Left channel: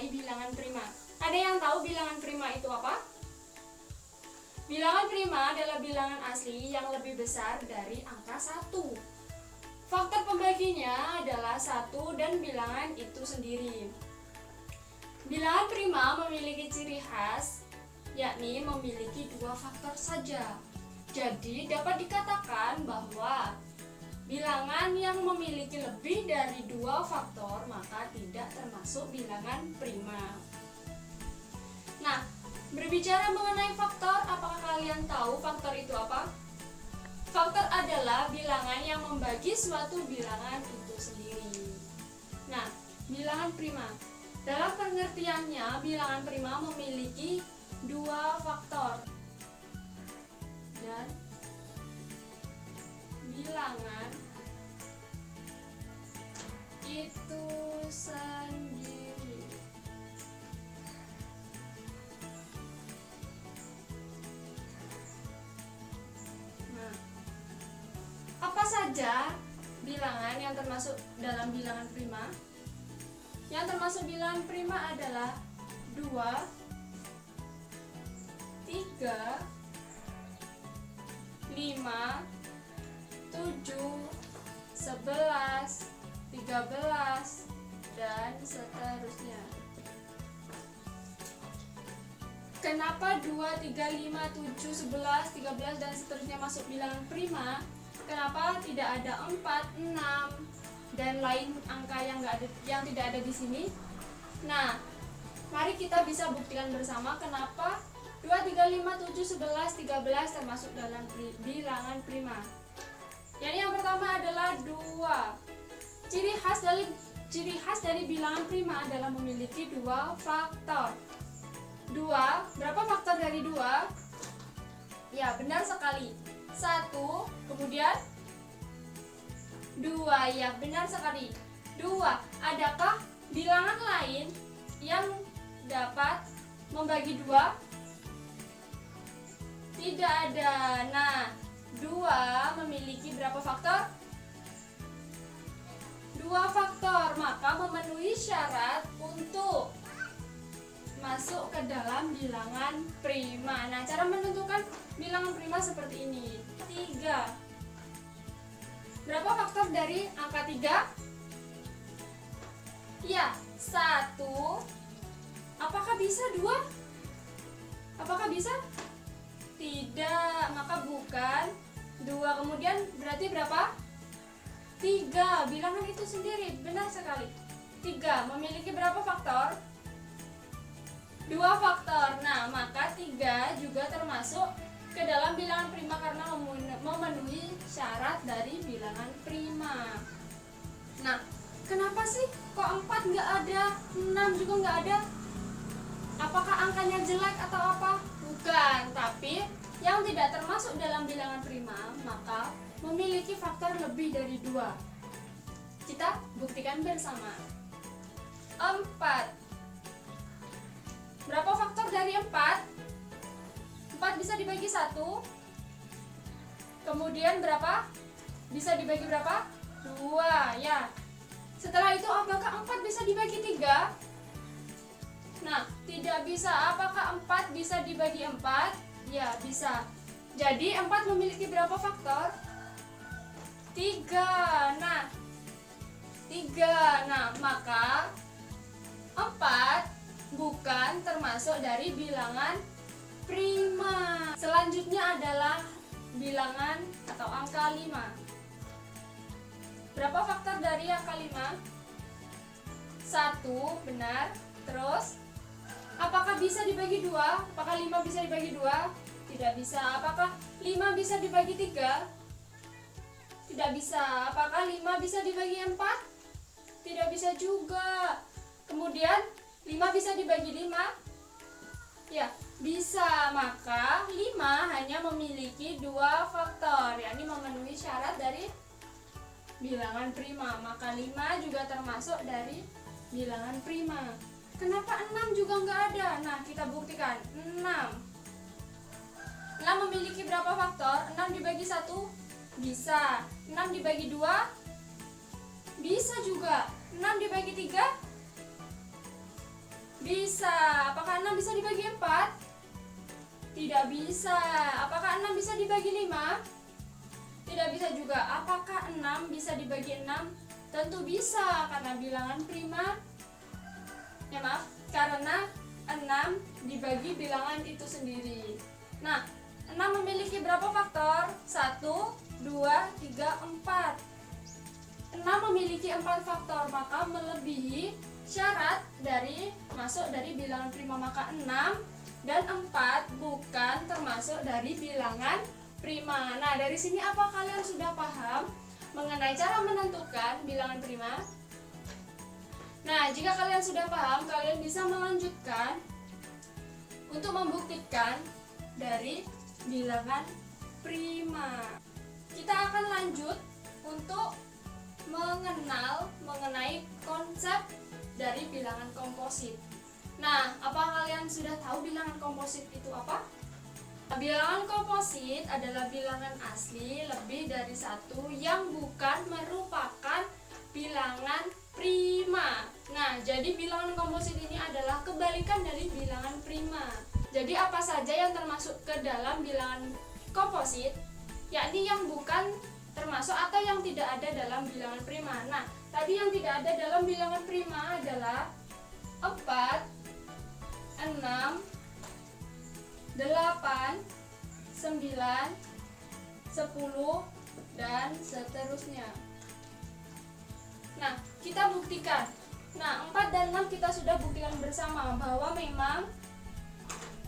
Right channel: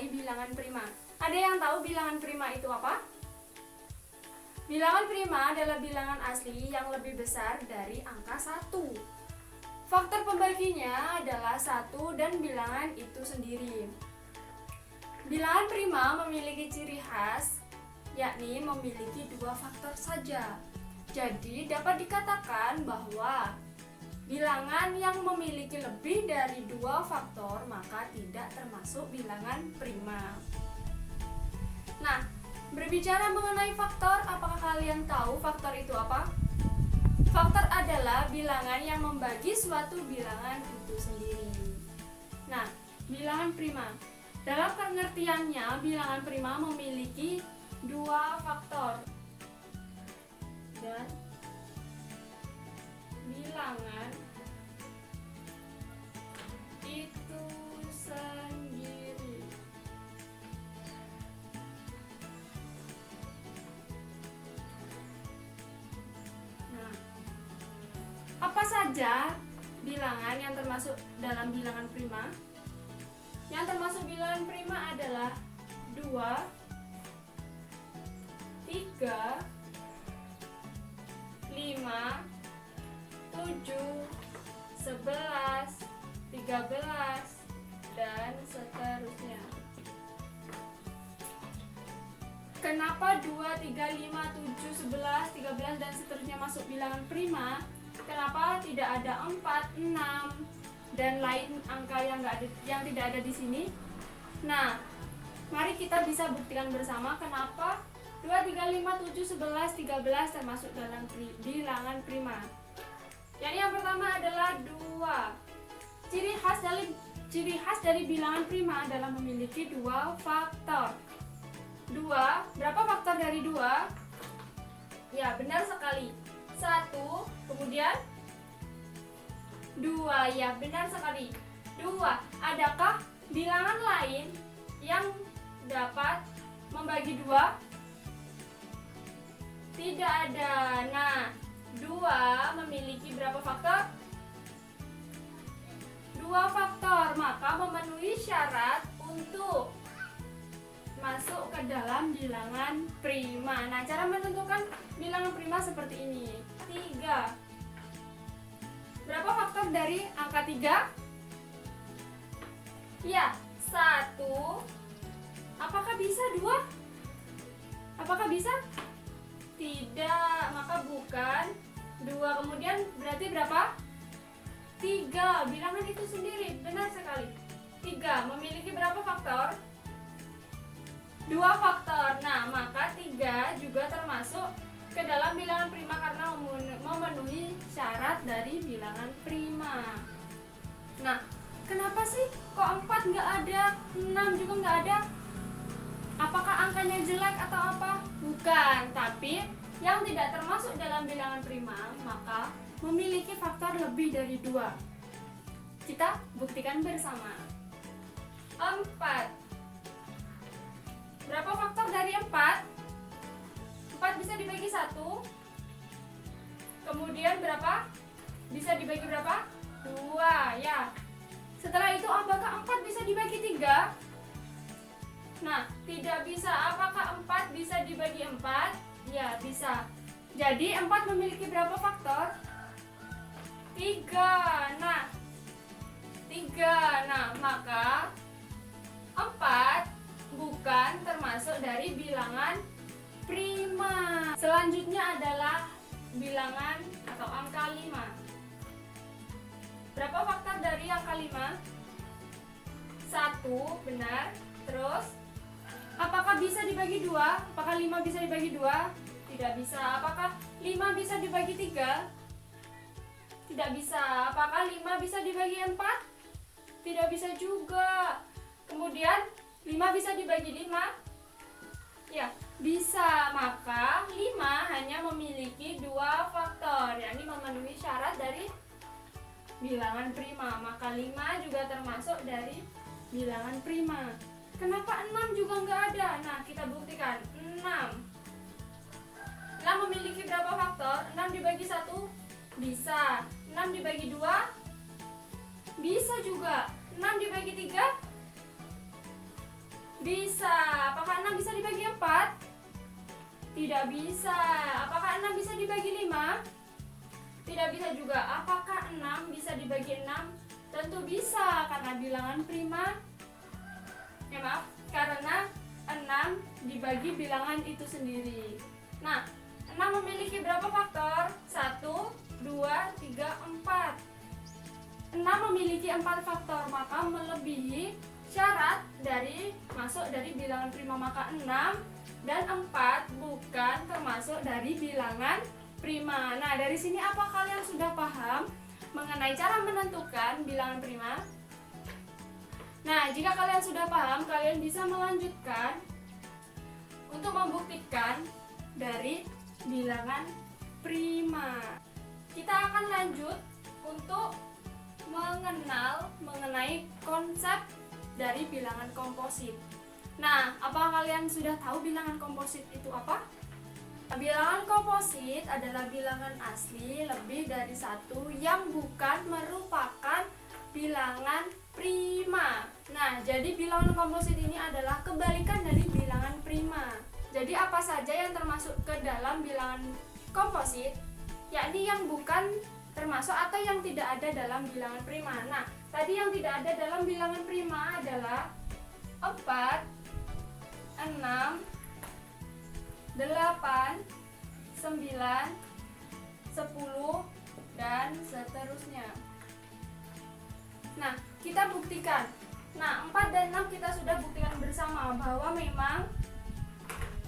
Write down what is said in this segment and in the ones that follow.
mengenai bilangan prima. Ada yang tahu bilangan prima itu apa? Bilangan prima adalah bilangan asli yang lebih besar dari angka 1. Faktor pembaginya adalah 1 dan bilangan itu sendiri. Bilangan prima memiliki ciri khas, yakni memiliki 2 faktor saja. Jadi dapat dikatakan bahwa bilangan yang memiliki lebih dari 2 faktor maka tidak termasuk bilangan prima. Nah, berbicara mengenai faktor, apakah kalian tahu faktor itu apa? Faktor adalah bilangan yang membagi suatu bilangan itu sendiri. Nah, bilangan prima. Dalam pengertiannya, bilangan prima memiliki 2 faktor. Dan bilangan itu sendiri. Nah, apa saja bilangan yang termasuk dalam bilangan prima? Yang termasuk bilangan prima adalah 2, 3, 5, 7, 11, 13, dan seterusnya. Kenapa 2, 3, 5, 7, 11, 13, dan seterusnya masuk bilangan prima? Kenapa tidak ada 4, 6, dan lain angka yang tidak ada di sini? Nah, mari kita bisa buktikan bersama kenapa 2, 3, 5, 7, 11, 13 termasuk dalam bilangan prima. Yang pertama adalah 2. Ciri khas dari bilangan prima adalah memiliki 2 faktor. 2, berapa faktor dari 2? Ya, benar sekali. 1, kemudian 2, ya benar sekali. 2, adakah bilangan lain yang dapat membagi 2? Tidak ada. Nah, 2 memiliki berapa faktor? 2 faktor, maka memenuhi syarat untuk masuk ke dalam bilangan prima. Nah, cara menentukan bilangan prima seperti ini. 3. Berapa faktor dari angka 3? Ya, 1. Apakah bisa 2? Apakah bisa? Tidak, maka bukan 2. Kemudian berarti berapa? 3. Bilangan itu sendiri, benar sekali. 3 memiliki berapa faktor? 2 faktor. Nah, maka 3 juga termasuk ke dalam bilangan prima karena memenuhi syarat dari bilangan prima. Nah, kenapa sih kok 4 nggak ada, 6 juga nggak ada? Apakah angkanya jelek atau apa? Bukan, tapi yang tidak termasuk dalam bilangan prima maka memiliki faktor lebih dari 2. Kita buktikan bersama. 4. Berapa faktor dari 4? 4 bisa dibagi 1. Kemudian berapa? Bisa dibagi berapa? 2, ya. Setelah itu apakah 4 bisa dibagi 3? Nah, tidak bisa. Apakah 4 bisa dibagi 4? Ya, bisa. Jadi 4 memiliki berapa faktor? 3. Nah, 3. Nah, maka 4 bukan termasuk dari bilangan prima. Selanjutnya adalah bilangan atau angka 5. Berapa faktor dari angka 5? 1, benar. Terus apakah bisa dibagi 2? Apakah 5 bisa dibagi 2? Tidak bisa. Apakah 5 bisa dibagi 3? Tidak bisa. Apakah 5 bisa dibagi 4? Tidak bisa juga. Kemudian 5 bisa dibagi 5? Ya, bisa. Maka 5 hanya memiliki 2 faktor, yakni memenuhi syarat dari bilangan prima. Maka 5 juga termasuk dari bilangan prima. Kenapa 6 juga nggak ada? Nah, kita buktikan. 6 memiliki berapa faktor? 6 dibagi 1? Bisa. 6 dibagi 2? Bisa juga. 6 dibagi 3? Bisa. Apakah 6 bisa dibagi 4? Tidak bisa. Apakah 6 bisa dibagi 5? Tidak bisa juga. Apakah 6 bisa dibagi 6? Tentu bisa, karena bilangan prima. Ya maaf, karena 6 dibagi bilangan itu sendiri. Nah, 6 memiliki berapa faktor? 1, 2, 3, 4. 6 memiliki 4 faktor, maka melebihi syarat dari masuk dari bilangan prima. Maka 6 dan 4 bukan termasuk dari bilangan prima. Nah, dari sini apa kalian sudah paham mengenai cara menentukan bilangan prima? Nah, jika kalian sudah paham, kalian bisa melanjutkan untuk membuktikan dari bilangan prima. Kita akan lanjut untuk mengenal mengenai konsep dari bilangan komposit. Nah, apa kalian sudah tahu bilangan komposit itu apa? Bilangan komposit adalah bilangan asli lebih dari satu yang bukan merupakan bilangan prima. Nah, jadi bilangan komposit ini adalah kebalikan dari bilangan prima. Jadi apa saja yang termasuk ke dalam bilangan komposit, yakni yang bukan termasuk atau yang tidak ada dalam bilangan prima. Nah, tadi yang tidak ada dalam bilangan prima adalah 4, 6, 8, 9, 10, dan seterusnya. Nah, kita buktikan. Nah, 4 dan 6 kita sudah buktikan bersama bahwa memang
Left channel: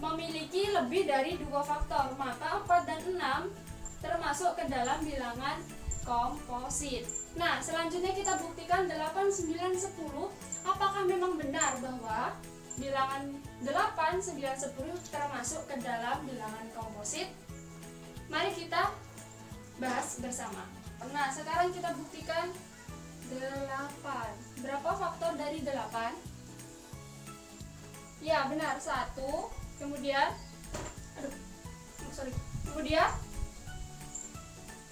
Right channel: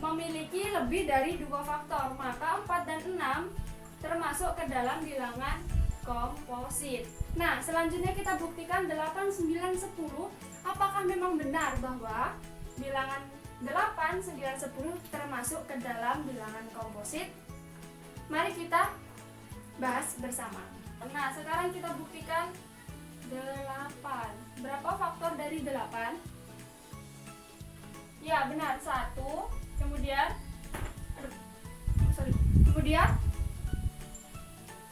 memiliki lebih dari 2 faktor. Maka 4 dan 6 termasuk ke dalam bilangan komposit. Nah, selanjutnya kita buktikan 8, 9, 10. Apakah memang benar bahwa bilangan 8, 9, 10 termasuk ke dalam bilangan komposit? Mari kita bahas bersama. Nah, sekarang kita buktikan 8. Berapa faktor dari 8? Ya, benar, 1. Kemudian kemudian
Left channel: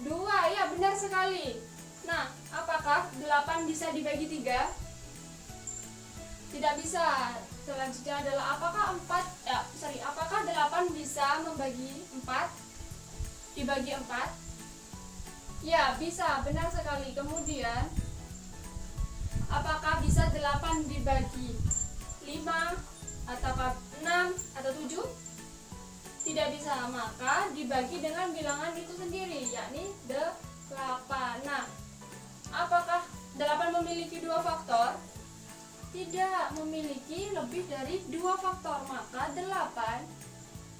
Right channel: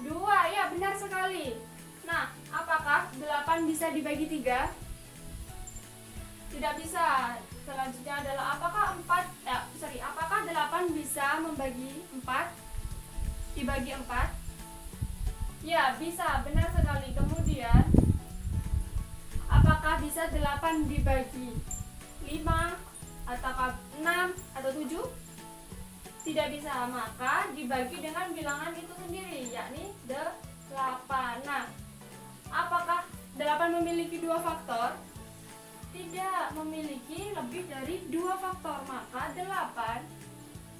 2. Ya, benar sekali. Nah, apakah 8 bisa dibagi 3? Tidak bisa. Selanjutnya adalah apakah 8 bisa membagi 4? Dibagi 4? Ya, bisa, benar sekali. Kemudian apakah bisa 8 dibagi 5 atau 6 atau 7? Tidak bisa, maka dibagi dengan bilangan itu sendiri, yakni 8. Nah, apakah 8 memiliki 2 faktor? Tidak memiliki lebih dari 2 faktor, maka 8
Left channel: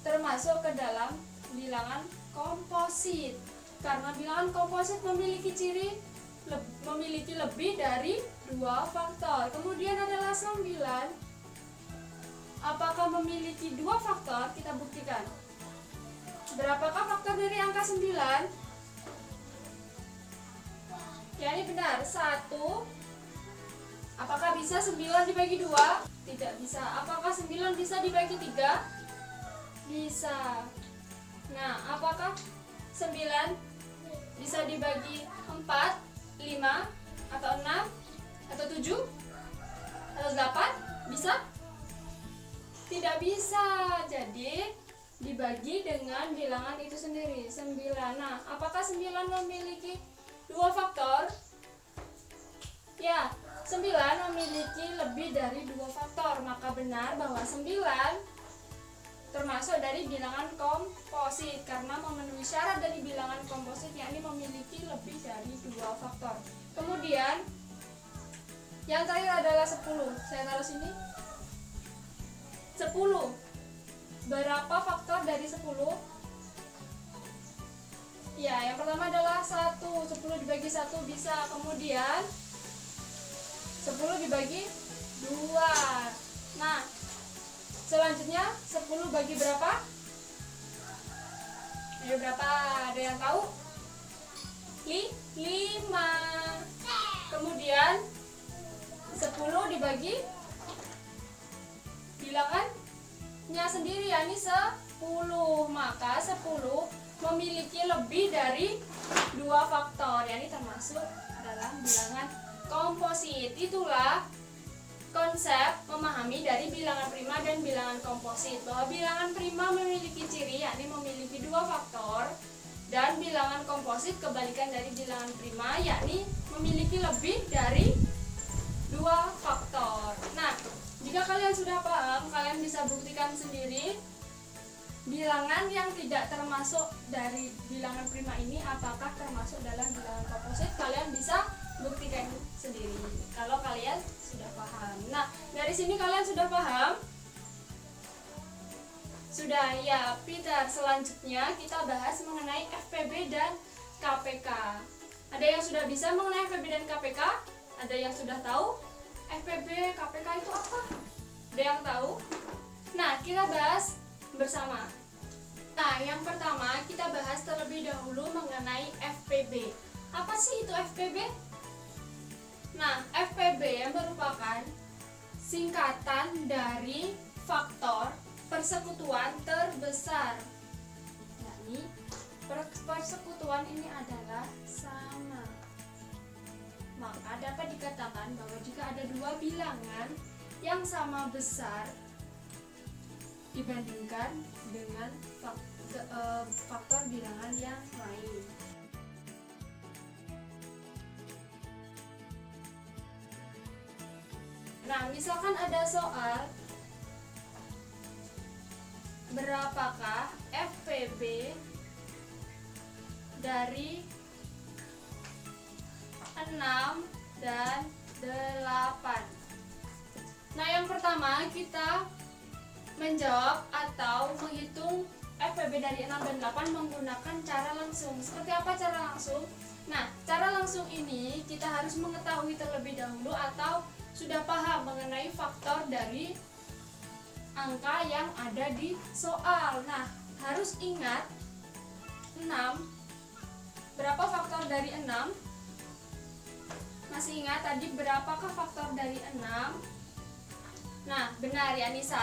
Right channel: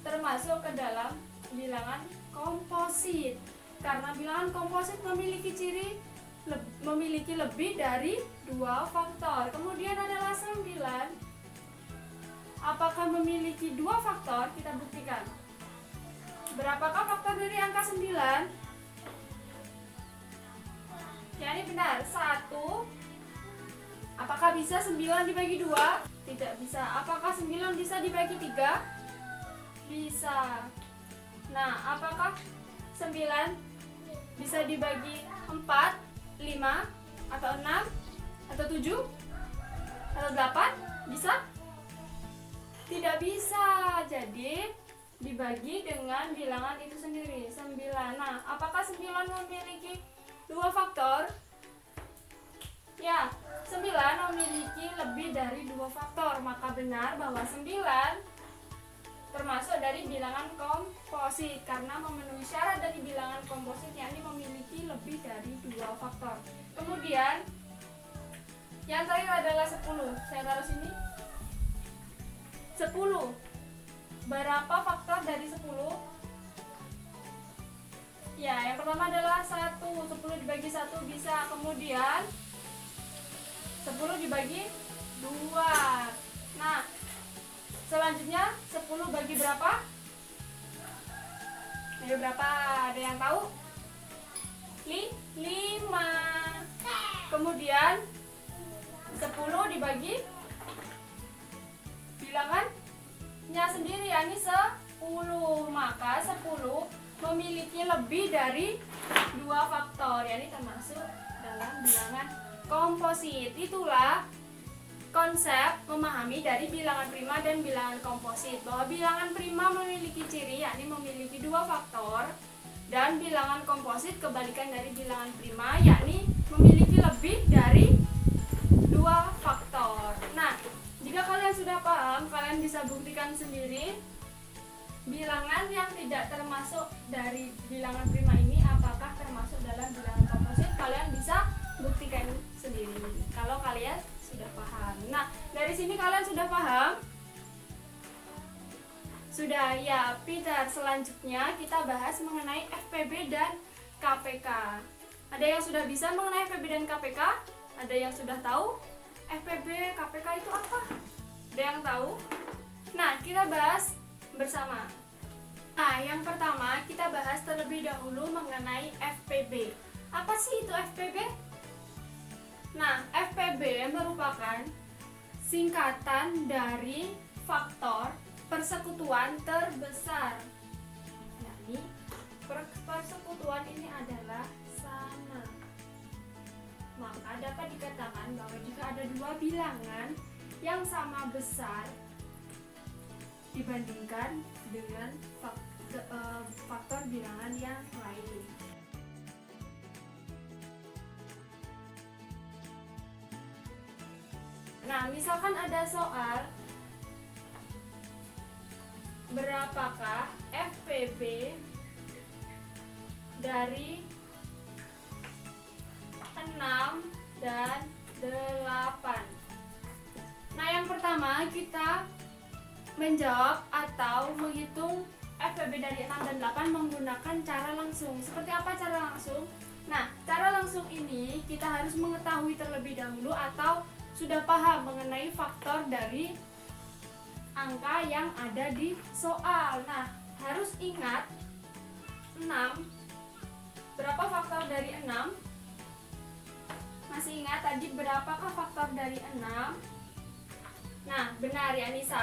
termasuk ke dalam bilangan komposit. Karena bilangan komposit memiliki ciri memiliki lebih dari 2 faktor. Kemudian adalah 9. Apakah memiliki 2 faktor? Kita buktikan. Berapakah faktor dari angka 9? Ya, ini benar, 1. Apakah bisa 9 dibagi 2? Tidak bisa. Apakah 9 bisa dibagi 3? Bisa. Nah, apakah 9 bisa dibagi 4, 5, atau 6, atau 7, atau 8? Bisa? Tidak bisa. Jadi dibagi dengan bilangan itu sendiri, 9. Nah, apakah 9 memiliki 2 faktor? Ya, 9 memiliki lebih dari 2 faktor. Maka benar bahwa 9 termasuk dari bilangan komposit karena memenuhi syarat dari bilangan komposit, yakni memiliki lebih dari 2 faktor. Kemudian yang terakhir adalah 10. Saya taruh sini. 10. Berapa faktor dari 10? Ya, yang pertama adalah 1. 10 dibagi 1 bisa. Kemudian 10 dibagi 2. Nah, selanjutnya 10 bagi berapa? Bagi berapa? Ada yang tahu? 5. Kemudian 10 dibagi bilangannya sendiri, yakni 10. Maka 10 memiliki lebih dari 2 faktor, yakni termasuk dalam bilangan komposit. Itulah konsep memahami dari bilangan prima dan bilangan komposit, bahwa bilangan prima memiliki ciri yakni memiliki dua faktor, dan bilangan komposit kebalikan dari bilangan prima yakni memiliki lebih dari dua faktor. Nah, jika kalian sudah paham, kalian bisa buktikan sendiri bilangan yang tidak termasuk dari bilangan prima ini apakah termasuk dalam bilangan komposit. Kalian bisa buktikan sendiri kalau kalian sudah paham. Nah, dari sini kalian sudah paham? Sudah ya, Peter. Selanjutnya kita bahas mengenai FPB dan KPK. Ada yang sudah bisa mengenai FPB dan KPK? Ada yang sudah tahu FPB, KPK itu apa? Ada yang tahu? Nah, kita bahas bersama. Nah, yang pertama kita bahas terlebih dahulu mengenai FPB. Apa sih itu FPB? Nah, FPB merupakan singkatan dari faktor persekutuan terbesar. Yakni persekutuan ini adalah sama. Maka dapat dikatakan bahwa jika ada dua bilangan yang sama besar dibandingkan dengan faktor bilangan yang lain. Nah, misalkan ada soal berapakah FPB dari 6 dan 8. Nah, yang pertama kita menjawab atau menghitung FPB dari 6 dan 8 menggunakan cara langsung. Seperti apa cara langsung? Nah, cara langsung ini kita harus mengetahui terlebih dahulu atau sudah paham mengenai faktor dari angka yang ada di soal. Nah, harus ingat 6. Berapa faktor dari 6? Masih ingat tadi berapakah faktor dari 6? Nah, benar, yakni 1,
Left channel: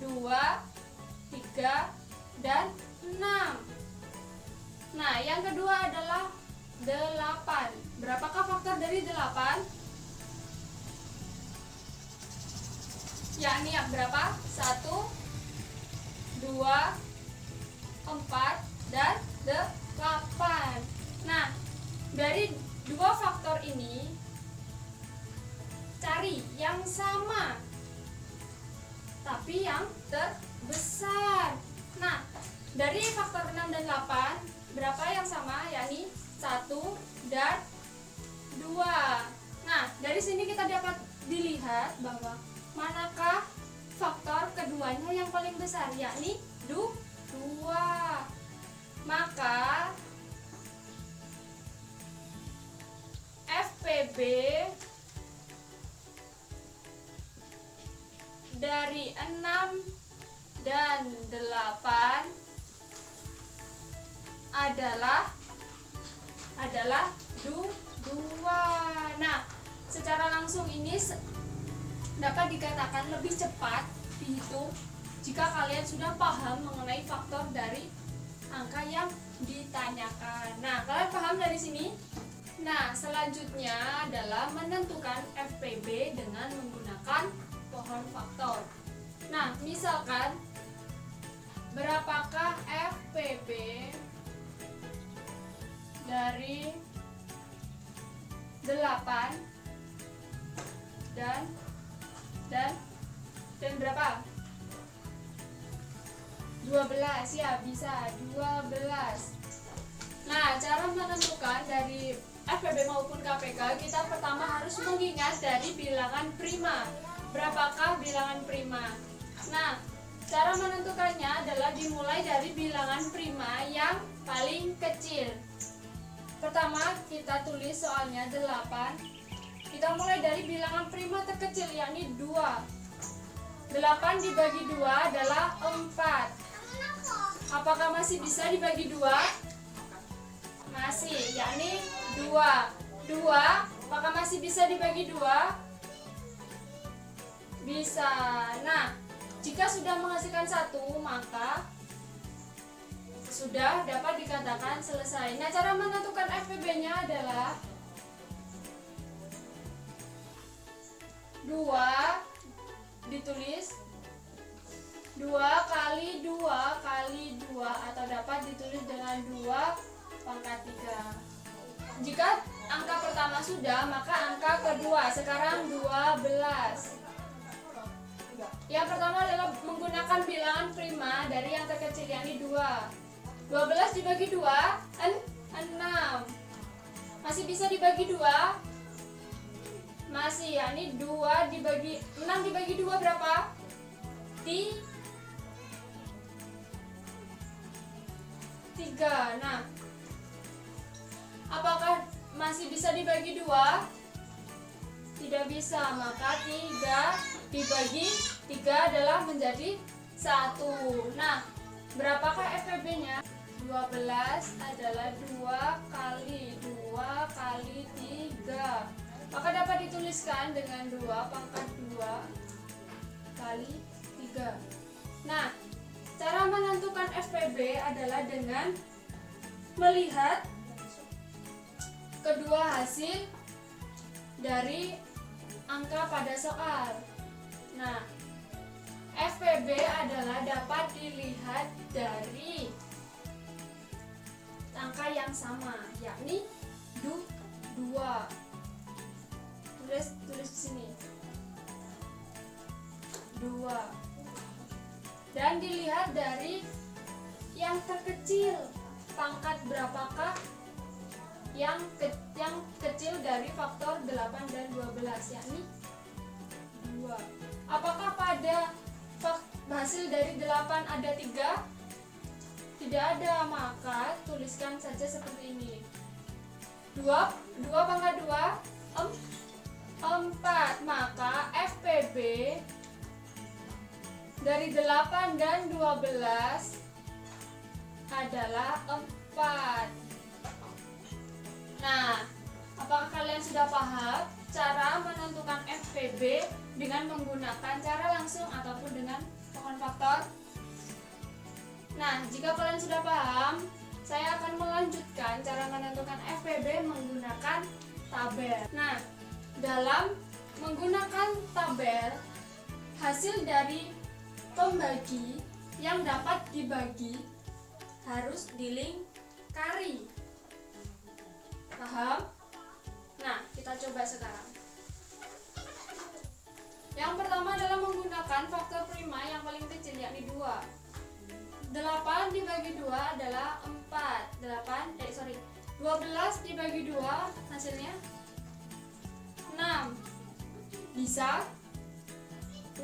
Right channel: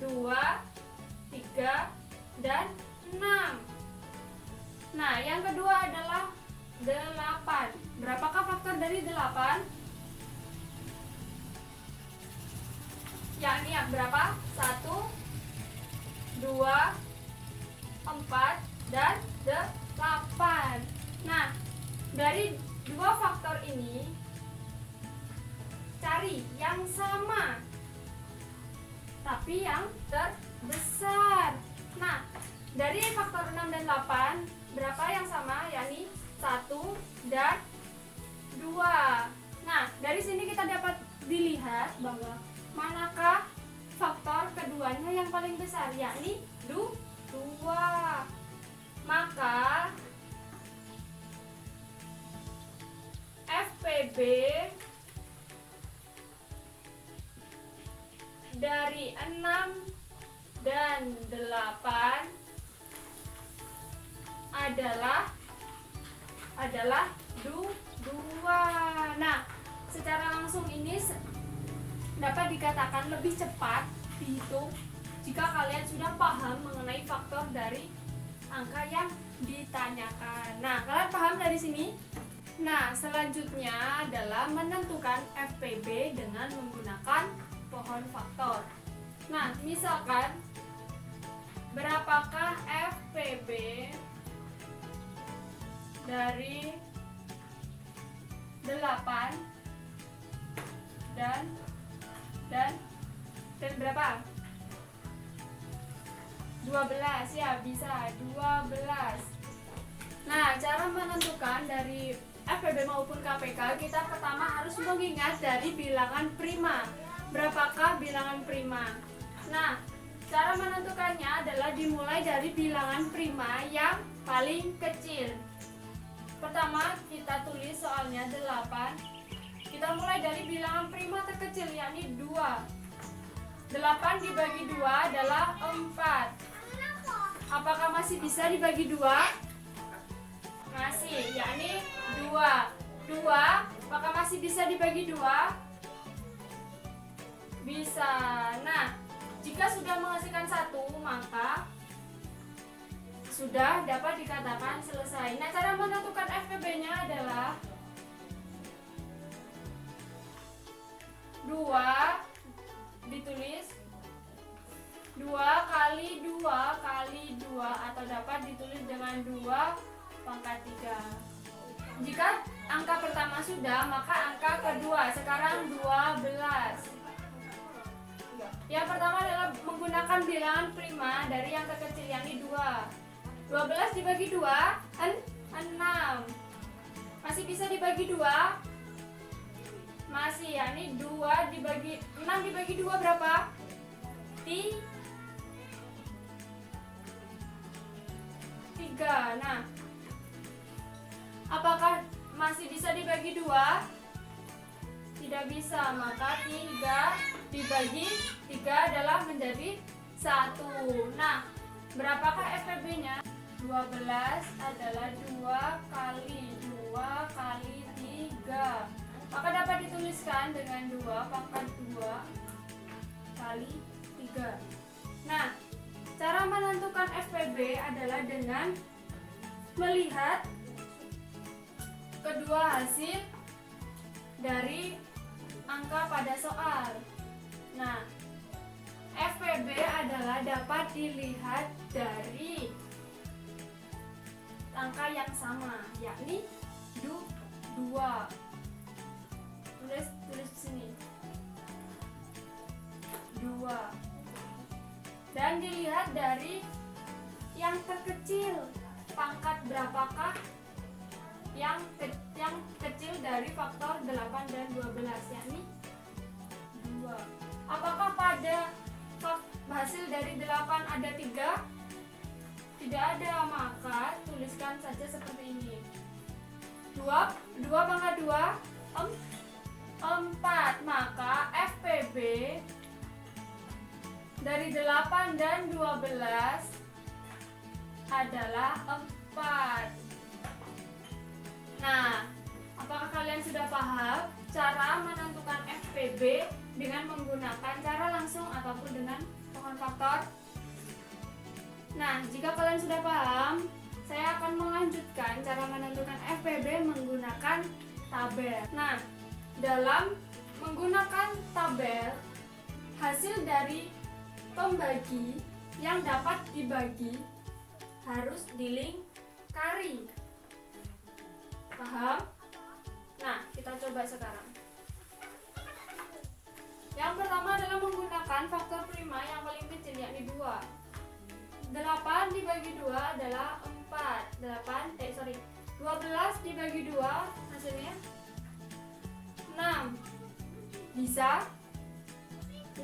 2, 3, dan 6. Nah, yang kedua adalah 8. Berapakah faktor dari 8? Yakni berapa? 1, 2, 4, dan 8. Nah, dari dua faktor ini cari yang sama tapi yang terbesar. Nah, dari faktor 6 dan 8 berapa yang sama? Yakni 1 dan 2. Nah, dari sini kita dapat dilihat bahwa manakah faktor keduanya yang paling besar, yakni 2. Maka FPB dari 6 dan 8 adalah 2. Nah, secara langsung ini dapat dikatakan lebih cepat dihitung jika kalian sudah paham mengenai faktor dari angka yang ditanyakan. Nah, kalian paham dari sini? Nah, selanjutnya adalah menentukan FPB dengan menggunakan pohon faktor. Nah, misalkan berapakah FPB dari 8 dan berapa? 12, ya, bisa 12. Nah, cara menentukan dari FPB maupun KPK, kita pertama harus mengingat dari bilangan prima. Berapakah bilangan prima? Nah, cara menentukannya adalah dimulai dari bilangan prima yang paling kecil. Pertama, kita tulis soalnya 8. Kita mulai dari bilangan prima terkecil, yakni 2. 8 dibagi 2 adalah 4. Apakah masih bisa dibagi 2? Masih, yakni 2. 2, apakah masih bisa dibagi 2? Bisa. Nah, jika sudah menghasilkan 1, maka sudah dapat dikatakan selesai. Nah, cara menentukan FPB-nya adalah 2 ditulis 2 kali 2 kali 2 atau dapat ditulis dengan 2 pangkat 3. Jika angka pertama sudah, maka angka kedua sekarang 12. Yang pertama adalah menggunakan bilangan prima dari yang terkecil, yakni 2. 12 dibagi 2, 6. Masih bisa dibagi 2? Masih, yakni 2 dibagi 6 dibagi 2 berapa? 3. Nah, apakah masih bisa dibagi 2? Tidak bisa, maka 3 dibagi 3 adalah menjadi 1. Nah, berapakah FPB-nya? 12 adalah 2 kali 2 kali 3. Maka dapat dituliskan dengan 2 pangkat 2 kali 3. Nah, cara menentukan FPB adalah dengan melihat kedua hasil dari angka pada soal. Nah, FPB adalah dapat dilihat dari angka yang sama, yakni 2. Tulis di sini 2. Dan dilihat dari yang terkecil, pangkat berapakah yang kecil dari faktor 8 dan 12, yakni 2. Apakah pada hasil dari 8 ada 3? Tidak ada, maka tuliskan saja seperti ini. 2 pangkat 2 4. Maka FPB dari 8 dan 12 adalah 4. Nah, apakah kalian sudah paham cara menentukan FPB dengan menggunakan cara langsung ataupun dengan pohon faktor? Nah, jika kalian sudah paham, saya akan melanjutkan cara menentukan FPB menggunakan tabel. Nah, dalam menggunakan tabel, hasil dari pembagi yang dapat dibagi harus dilingkari. Paham? Nah, kita coba sekarang. Yang pertama adalah menggunakan faktor prima yang paling kecil, yakni 2. 8 dibagi 2 adalah 4. 12 dibagi 2 hasilnya 6. Bisa?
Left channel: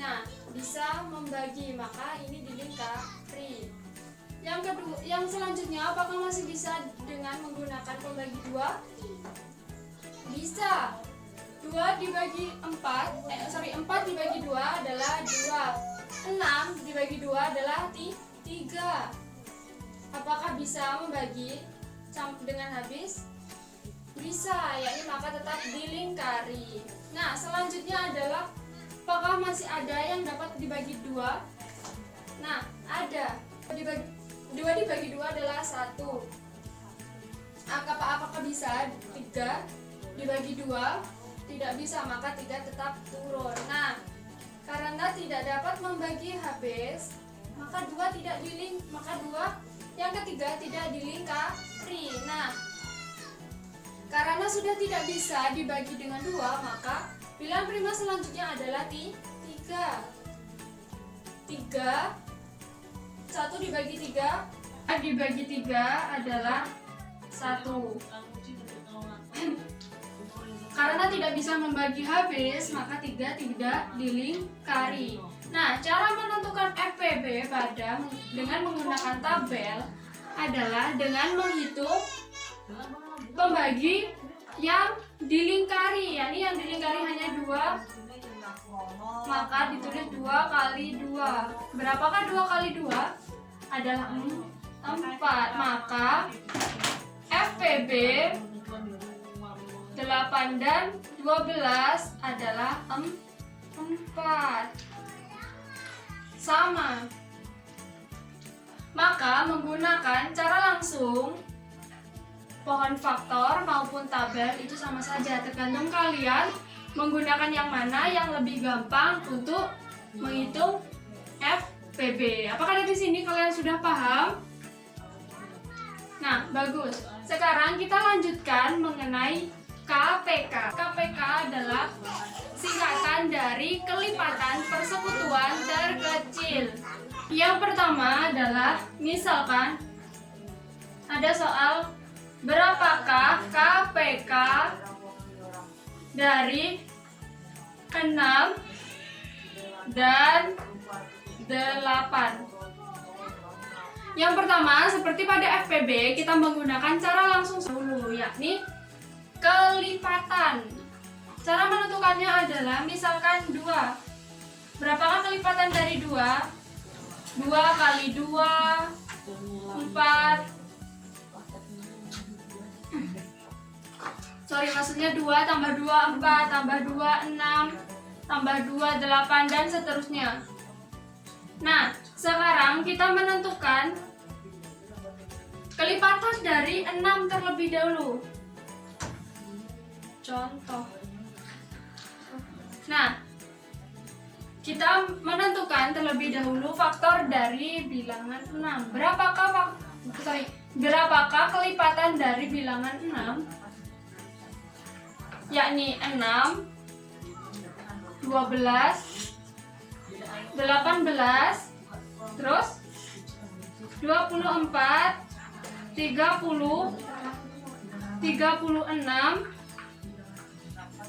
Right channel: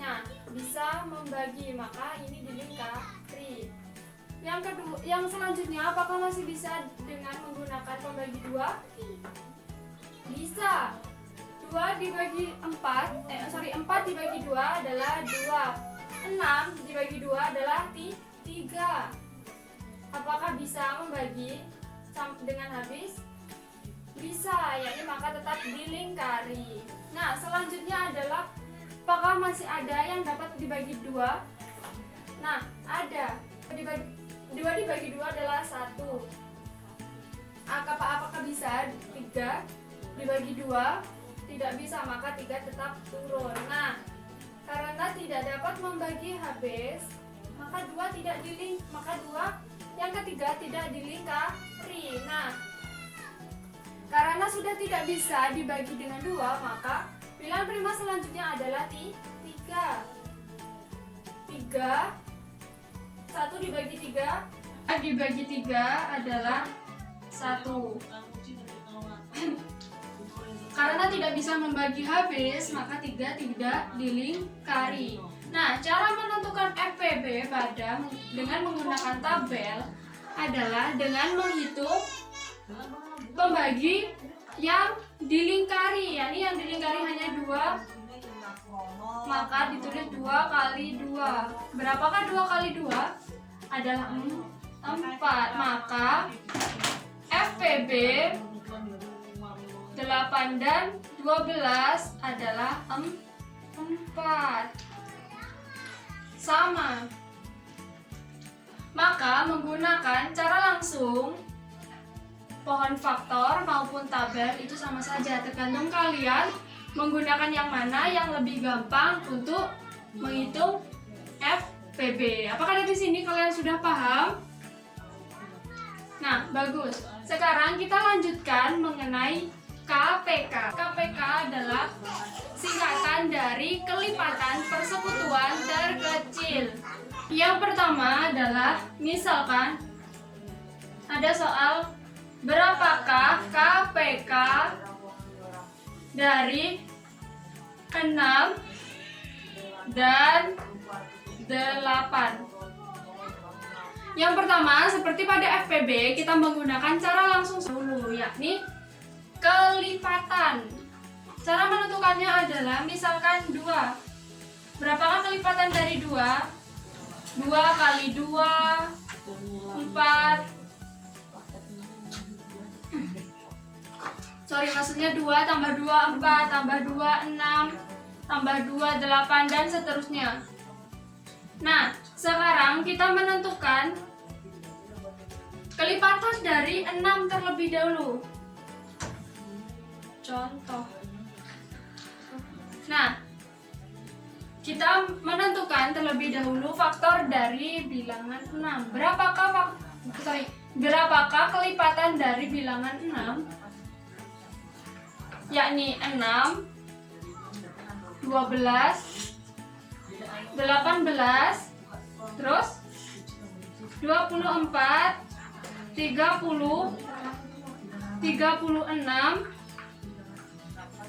Nah, bisa membagi, maka ini dilingkari. Yang selanjutnya, apakah masih bisa dengan menggunakan pembagi 2? Bisa. 4 dibagi 4 dibagi 2 adalah 2. 6 dibagi 2 adalah 3. Apakah bisa membagi dengan habis? Bisa, yakni maka tetap dilingkari. Nah, selanjutnya adalah apakah masih ada yang dapat dibagi 2? Nah, ada. 2 dibagi 2 adalah 1. Apakah bisa 3 dibagi 2? Tidak bisa, maka 3 tetap turun. Nah, karena tidak dapat membagi habis, maka 2 yang ketiga tidak dilingkari. Nah, karena sudah tidak bisa dibagi dengan 2, maka bilangan prima selanjutnya adalah 3. 1 dibagi 3 adalah 1. Karena tidak bisa membagi habis, maka 3 tidak dilingkari. Nah, cara menentukan FPB dengan menggunakan tabel adalah dengan menghitung pembagi yang dilingkari, yakni yang dilingkari hanya 2, maka ditulis 2 kali 2. Berapakah 2 kali 2? Adalah 4. Maka FPB 8 dan 12 adalah 4. Sama. Maka menggunakan cara langsung, pohon faktor maupun tabel itu sama saja, tergantung kalian menggunakan yang mana yang lebih gampang untuk menghitung FPB. Apakah dari sini kalian sudah paham? Nah, bagus. Sekarang kita lanjutkan mengenai KPK. KPK adalah singkatan dari kelipatan persekutuan terkecil. Yang pertama adalah, misalkan ada soal, berapakah KPK dari 6 dan 8? Yang pertama, seperti pada FPB, kita menggunakan cara langsung dulu, yakni kelipatan. Cara menentukannya adalah, misalkan 2. Berapakah kelipatan dari 2? 2 kali 2, 4. Maksudnya 2 tambah 2, 4, tambah 2, 6, tambah 2, 8, dan seterusnya. Nah, sekarang kita menentukan kelipatan dari 6 terlebih dahulu. Contoh. Nah, kita menentukan terlebih dahulu faktor dari bilangan 6. Berapakah kelipatan dari bilangan 6? Yakni 6, 12, 18, terus 24, 30, 36,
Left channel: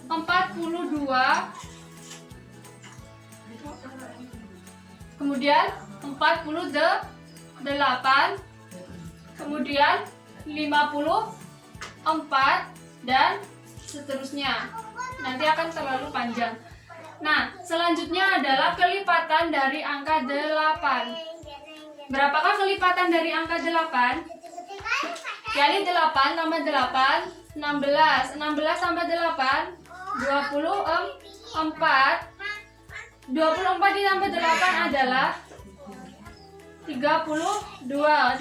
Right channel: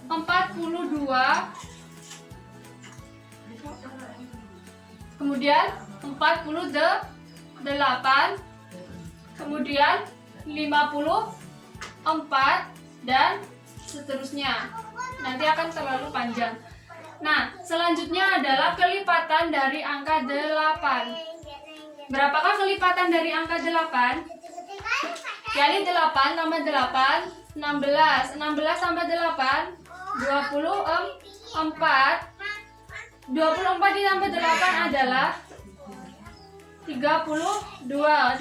42, kemudian 48, kemudian 54, dan seterusnya. Nanti akan terlalu panjang. Nah, selanjutnya adalah kelipatan dari angka 8. Berapakah kelipatan dari angka 8? Yakni 8 tambah 8, 16. 16 tambah 8, 24. 24 ditambah 8 adalah 32. 32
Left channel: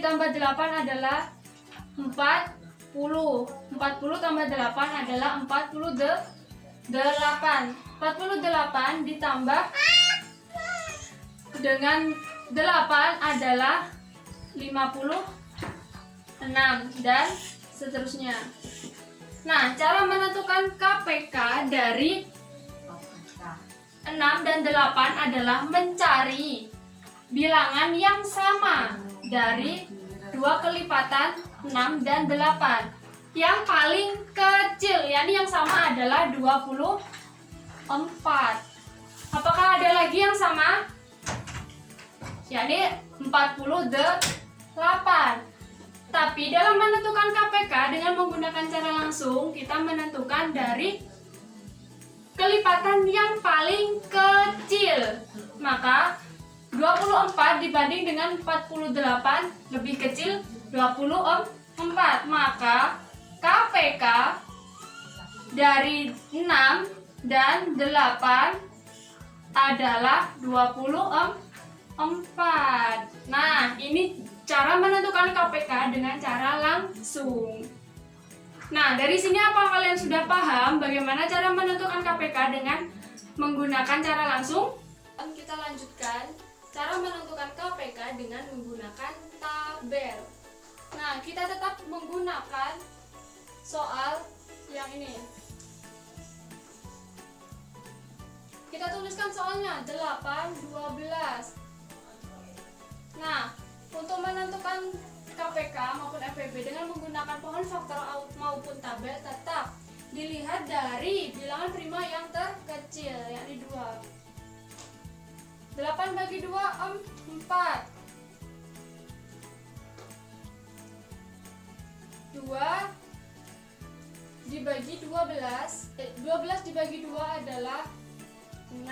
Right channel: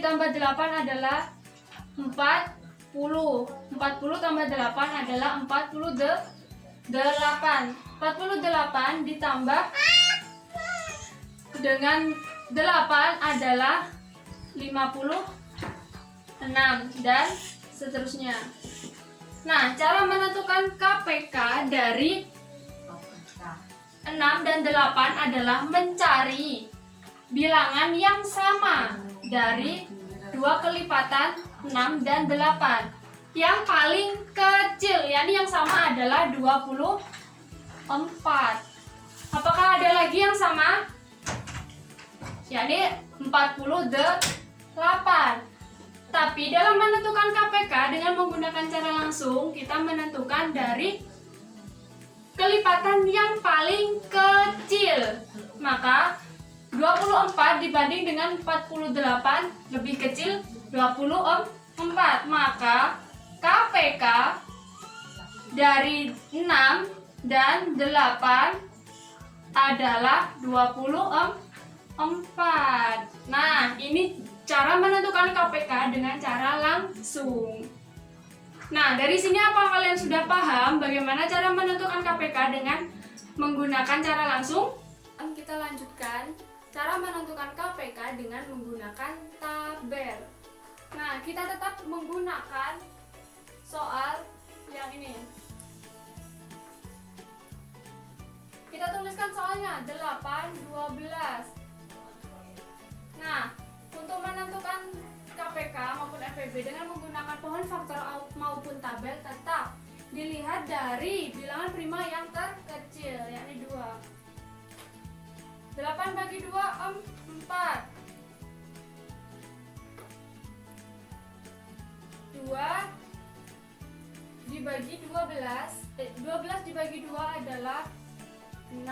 ditambah 8 adalah 40. 40 tambah 8 adalah 48. 48 ditambah dengan 8 adalah 56, dan seterusnya. Nah, cara menentukan KPK dari 6 dan 8 adalah mencari bilangan yang sama dari dua kelipatan 6 dan 8. Yang paling kecil, yakni yang sama adalah 24. Apakah ada lagi yang sama? Yakni 48. Tapi dalam menentukan KPK dengan menggunakan cara langsung, kita menentukan dari kelipatan yang paling kecil. Maka 24 dibanding dengan 48 lebih kecil 24. Maka KPK dari 6 dan 8 adalah 24. Nah, ini cara menentukan KPK dengan cara langsung. Nah, dari sini apa kalian sudah paham bagaimana cara menentukan KPK dengan menggunakan cara langsung? Kita lanjutkan cara menentukan KPK dengan menggunakan tabel. Nah, kita tetap menggunakan soal yang ini. Kita tuliskan soalnya 8, 12. Nah, untuk menentukan KPK maupun FPB dengan menggunakan pohon faktor maupun tabel, tetap dilihat dari bilangan prima yang terkecil, yakni 2. 8 bagi 2, 4. 2 dibagi 12, 12 dibagi 2 adalah 6.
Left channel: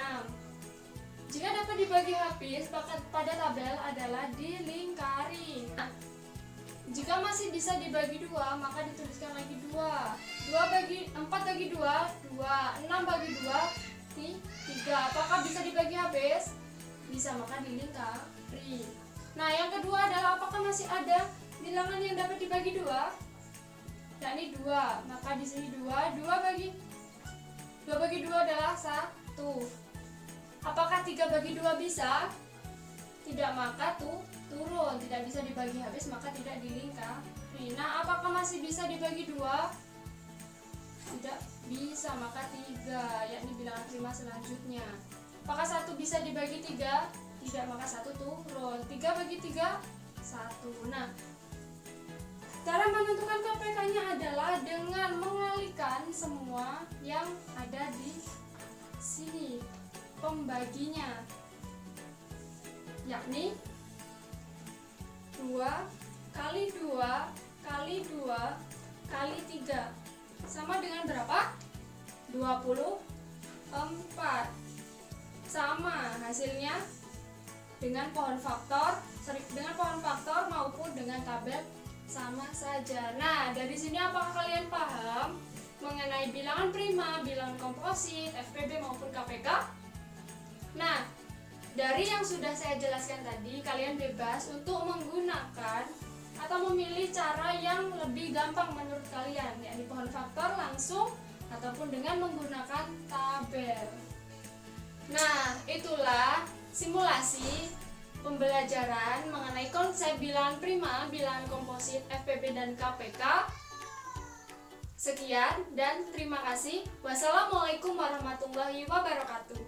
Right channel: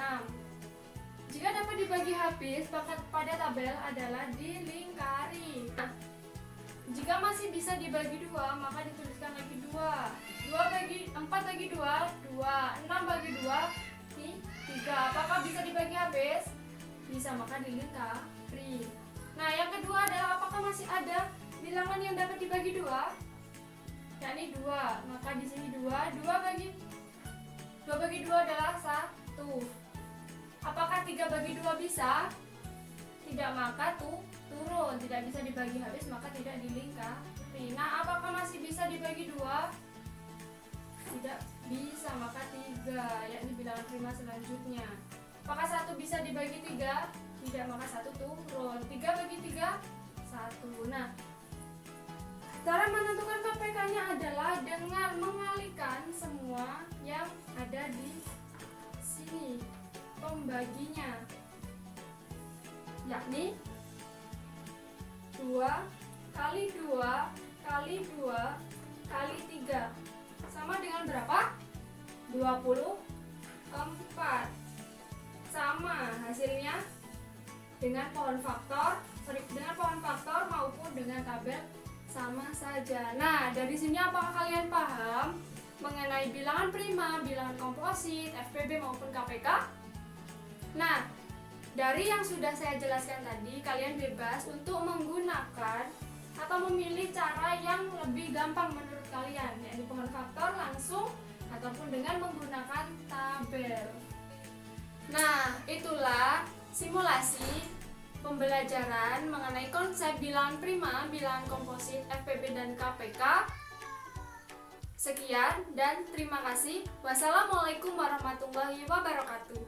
Jika dapat dibagi habis, pada tabel adalah dilingkari. Jika masih bisa dibagi 2, maka dituliskan lagi 2. 4 bagi 2, 2. 6 bagi 2, 3. Apakah bisa dibagi habis? Bisa, maka dilingkari. Nah, yang kedua adalah apakah masih ada bilangan yang dapat dibagi 2? Yakni 2. Maka di sini 2. 2 bagi 2 adalah 1. Apakah 3/2 bisa? Tidak, maka turun, tidak bisa dibagi habis, maka tidak dilingkari. Nah, apakah masih bisa dibagi 2? Tidak bisa, maka 3, yakni bilangan prima selanjutnya. Apakah 1 bisa dibagi 3? Tidak, maka 1 turun. 3/3, 1. Nah, cara menentukan KPK-nya adalah dengan mengalihkan semua yang ada di sini pembaginya, yakni 2 kali 2 kali 2 kali 3 sama dengan berapa? 24. Sama hasilnya dengan pohon faktor maupun dengan tabel sama saja. Nah, dari sini apakah kalian paham mengenai bilangan prima, bilangan komposit, FPB maupun KPK? Nah, dari yang sudah saya jelaskan tadi, kalian bebas untuk menggunakan atau memilih cara yang lebih gampang menurut kalian, yakni pohon faktor langsung ataupun dengan menggunakan tabel. Nah, itulah simulasi pembelajaran mengenai konsep bilangan prima, bilangan komposit, FPB dan KPK. Sekian dan terima kasih. Wassalamualaikum warahmatullahi wabarakatuh.